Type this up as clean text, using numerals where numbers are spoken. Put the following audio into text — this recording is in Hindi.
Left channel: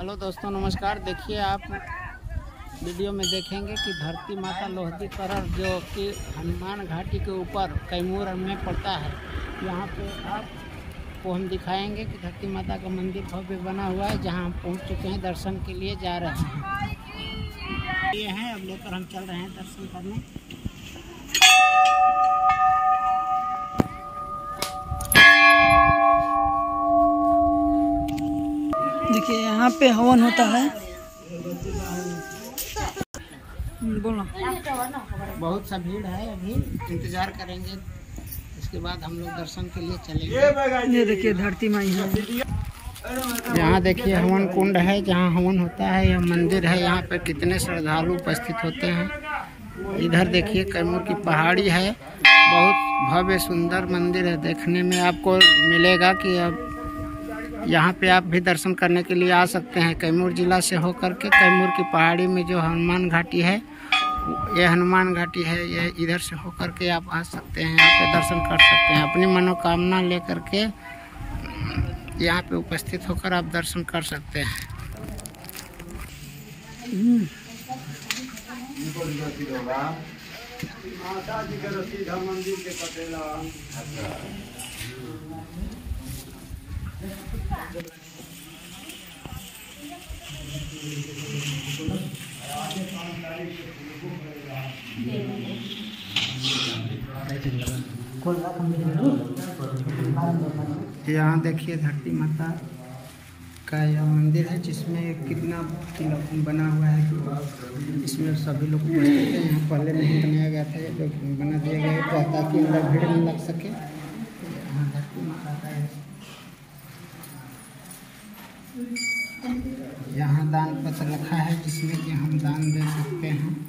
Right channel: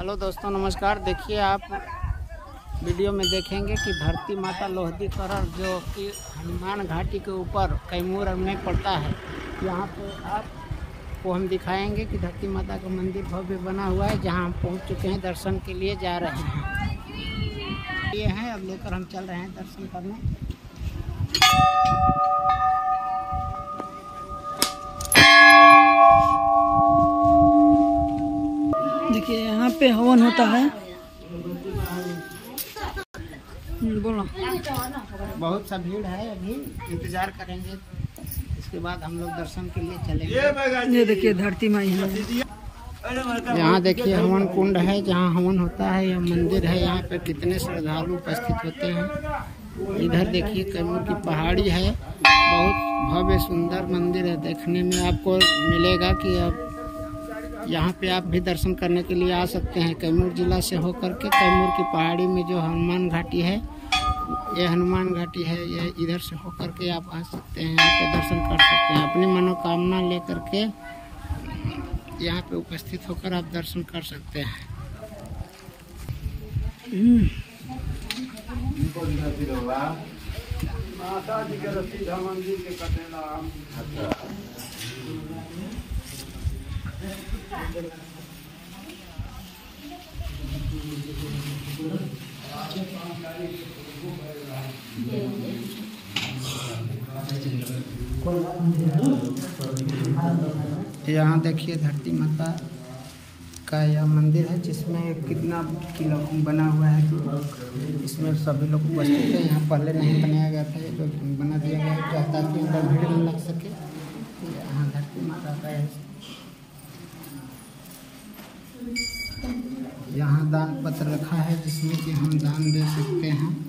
हेलो दोस्तों, नमस्कार। देखिए, आप वीडियो में देखेंगे कि धरती माता लोहदीकरण जो कि हनुमान घाटी के ऊपर कैमूर में पड़ता है, यहाँ पे आपको हम दिखाएंगे कि धरती माता का मंदिर भव्य बना हुआ है, जहाँ हम पहुँच चुके हैं। दर्शन के लिए जा रहे हैं। ये हैं, अब लेकर हम चल रहे हैं दर्शन करने। देखिए यहाँ पे हवन होता है। बोलो। बहुत सा भीड़ है, अभी इंतजार करेंगे, उसके बाद हम लोग दर्शन के लिए चलेंगे। ये देखिए धरती माई है। यहाँ देखिए हवन कुंड है, जहाँ हवन होता है। यह मंदिर है, यहाँ पे कितने श्रद्धालु उपस्थित होते हैं। इधर देखिए कैमूर की पहाड़ी है, बहुत भव्य सुंदर मंदिर है। देखने में आपको मिलेगा कि अब यहाँ पे आप भी दर्शन करने के लिए आ सकते हैं। कैमूर जिला से होकर के कैमूर की पहाड़ी में जो हनुमान घाटी है, ये हनुमान घाटी है, ये इधर से होकर के आप आ सकते हैं। यहाँ पे दर्शन कर सकते हैं। अपनी मनोकामना लेकर के यहाँ पे उपस्थित होकर आप दर्शन कर सकते हैं। माता जी के सीधा मंदिर के कटेला। यहाँ देखिए धरती माता का यह मंदिर है, जिसमें कितना किला बना हुआ है। तो इसमें सभी लोग उपस्थित हैं। यहाँ पहले नहीं बनाया गया था, ये तो बना दिया गया है ताकि अंदर भीड़ न लग सके। यहाँ धरती माता का है। यहाँ दान पत्र रखा है, जिसमें कि हम दान दे सकते हैं।